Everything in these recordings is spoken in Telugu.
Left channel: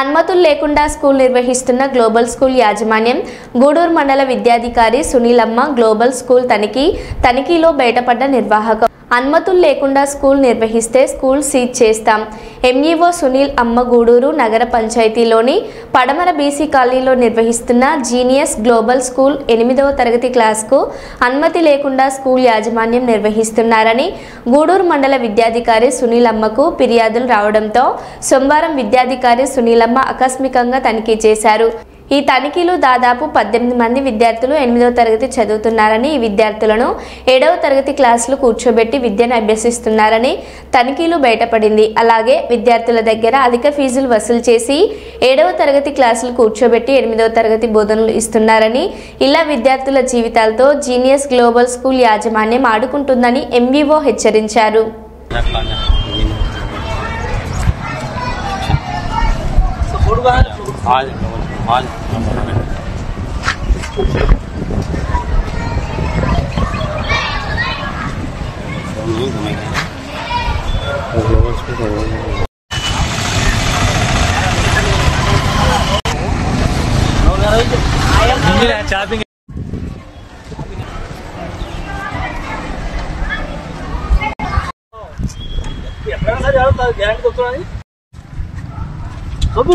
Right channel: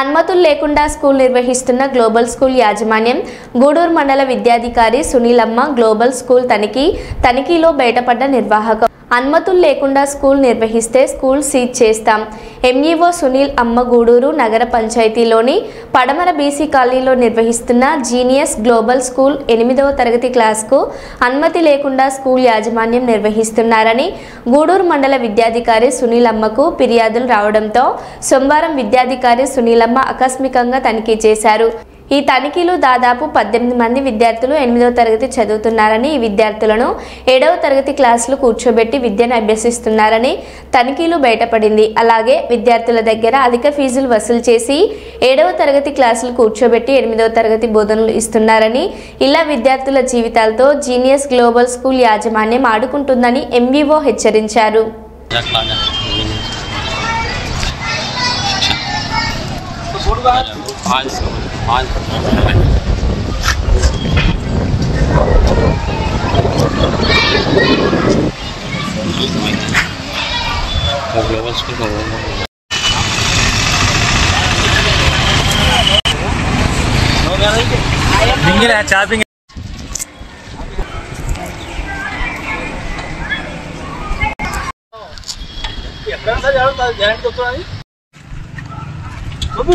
అనుమతులు లేకుండా స్కూల్ నిర్వహిస్తున్న గ్లోబల్ స్కూల్ యాజమాన్యం గూడూరు మండల విద్యాధికారి సునీలమ్మ గ్లోబల్ స్కూల్ తనిఖీలో బయటపడ్డ నిర్వాహకం అనుమతులు లేకుండా స్కూల్ నిర్వహిస్తే స్కూల్ సీజ్ చేస్తాం. ఎంఈఓ సునీల్ అమ్మ గూడూరు నగర పంచాయతీలోని పడమర బీసీ కాలనీలో నిర్వహిస్తున్న జీనియస్ గ్లోబల్ స్కూల్ 8వ తరగతి క్లాస్కు అనుమతి లేకుండా స్కూల్ యాజమాన్యం నిర్వహిస్తున్నారని గూడూరు మండల విద్యాధికారి సునీలమ్మకు ఫిర్యాదులు రావడంతో సోమవారం విద్యాధికారి సునీలమ్మ ఆకస్మికంగా తనిఖీ చేశారు. ఈ తనిఖీలు దాదాపు 18 మంది విద్యార్థులు 8వ తరగతి చదువుతున్నారని ఈ విద్యార్థులను 7వ తరగతి క్లాసులు కూర్చోబెట్టి విద్యను అభ్యసిస్తున్నారని తనిఖీలు బయటపడింది. అలాగే విద్యార్థుల దగ్గర అధిక ఫీజులు వసూలు చేసి 7వ తరగతి క్లాసులు కూర్చోబెట్టి 8వ తరగతి బోధనలు ఇస్తున్నారని, ఇలా విద్యార్థుల జీవితాలతో జీనియస్ గ్లోబల్ స్కూల్ యాజమాన్యం ఆడుకుంటుందని ఎంఈఓ హెచ్చరించారు. చాపింగ్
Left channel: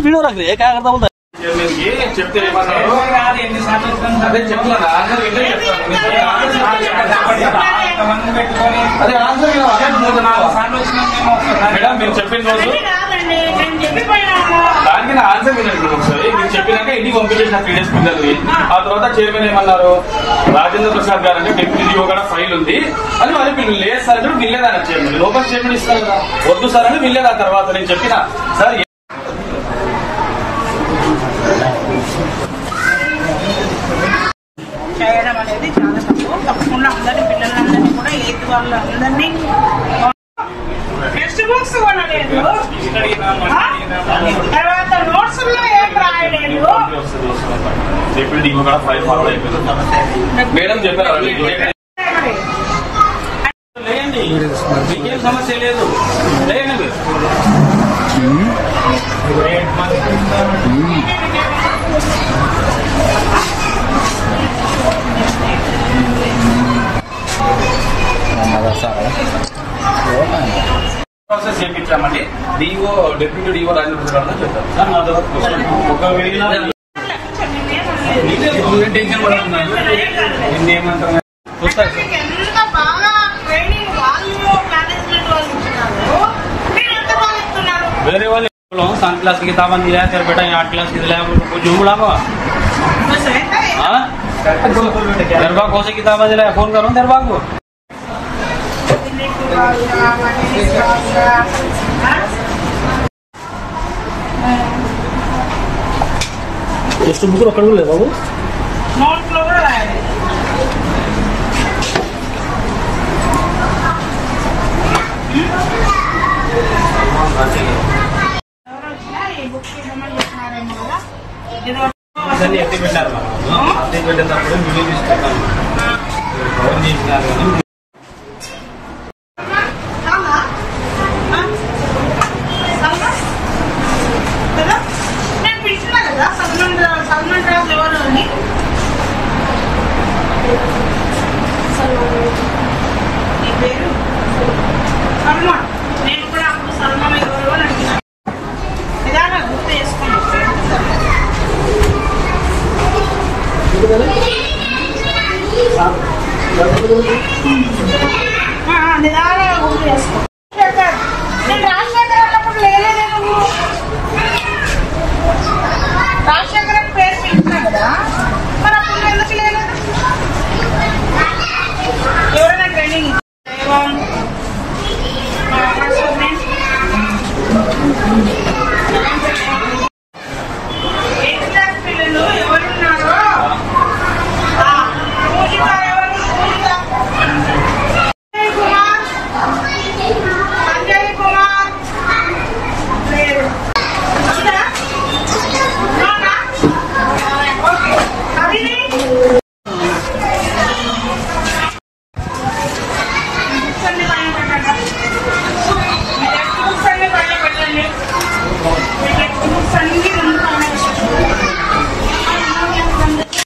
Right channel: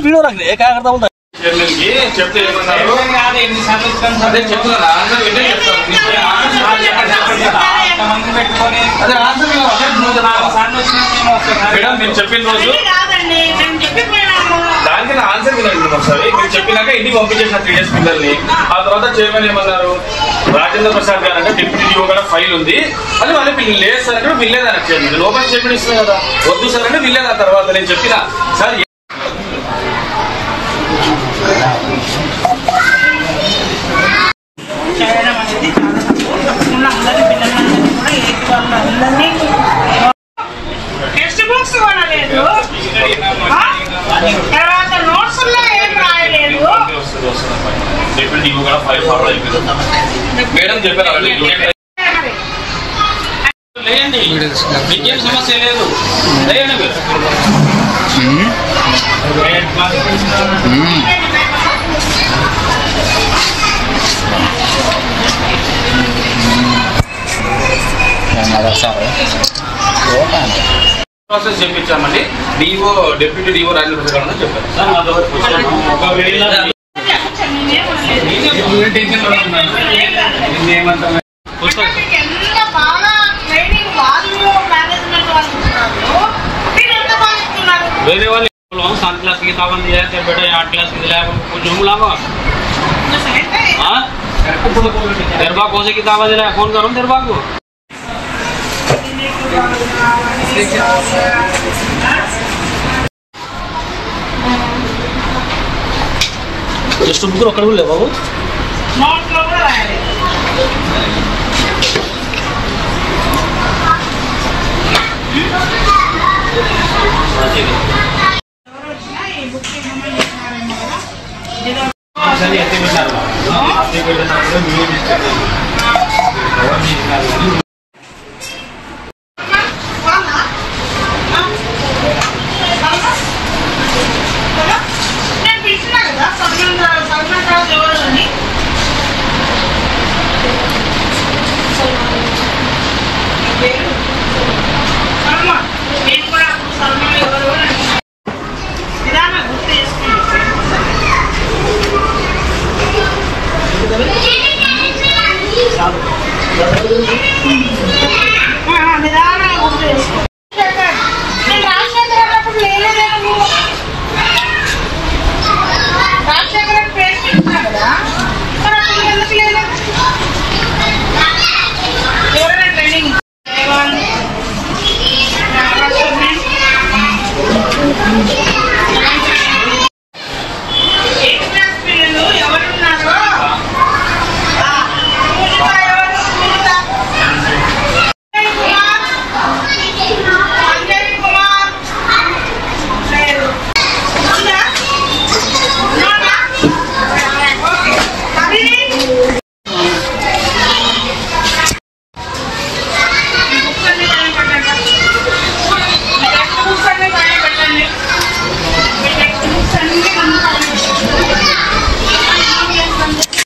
वीडियो रख रहे क्या करता बोलता చెప్తే మీరు చెప్పిన రోజు దానికి నా ఆన్సర్ వినండి ఒకసారి. మీరు చెప్పినాక ఇంటికి పంపించేసిన 3 days పిల్లల్ని. ఆ తర్వాత చైర్మన్ ఏమన్నారు, రాజేంద్ర ప్రసాద్ గారు అంటే డిప్యూటీ డిఓ కూడా ఫైల్ ఉంది అని మళ్ళీ పిల్లలు లేదు సార్ అంటే వీళ్ళేదాన్ని చైర్మన్ లోపల స్టేట్మెంట్ ఇస్తున్నారు కదా, వద్దు సార్ అని వీళ్ళేదా. తర్వాత నేను చెప్పిన సార్ చేయడం అనేది చాలా తప్పు. తప్పకుండా అందరి పిల్లలందరినీ కూడా ఏది వాళ్ళు అందరినీ టెక్స్ట్ బుక్స్ కొనలేదు, తర్వాత నోట్స్లో ఏం రాయలేదు. మేడం చెప్పారు లేదండి, మీకేం సమస్య లేదు లేదండి. ప్రాసెస్ చేయించామండి. DO deputy DO Rajendra Prasad అని చెప్పారు సార్. వేరే వాళ్ళు सन क्लास की किताबें दिला सर बेटा 8 क्लास की दिला कुछ जूम लागा हां दरबा कौन सी किताबें दिला फोन करूं दरबा को टेक्स्ट बुक रो करू ले बाबू नोट లో కూడా రాయాలి. నిదానంగా గుర్తు చేసుకో.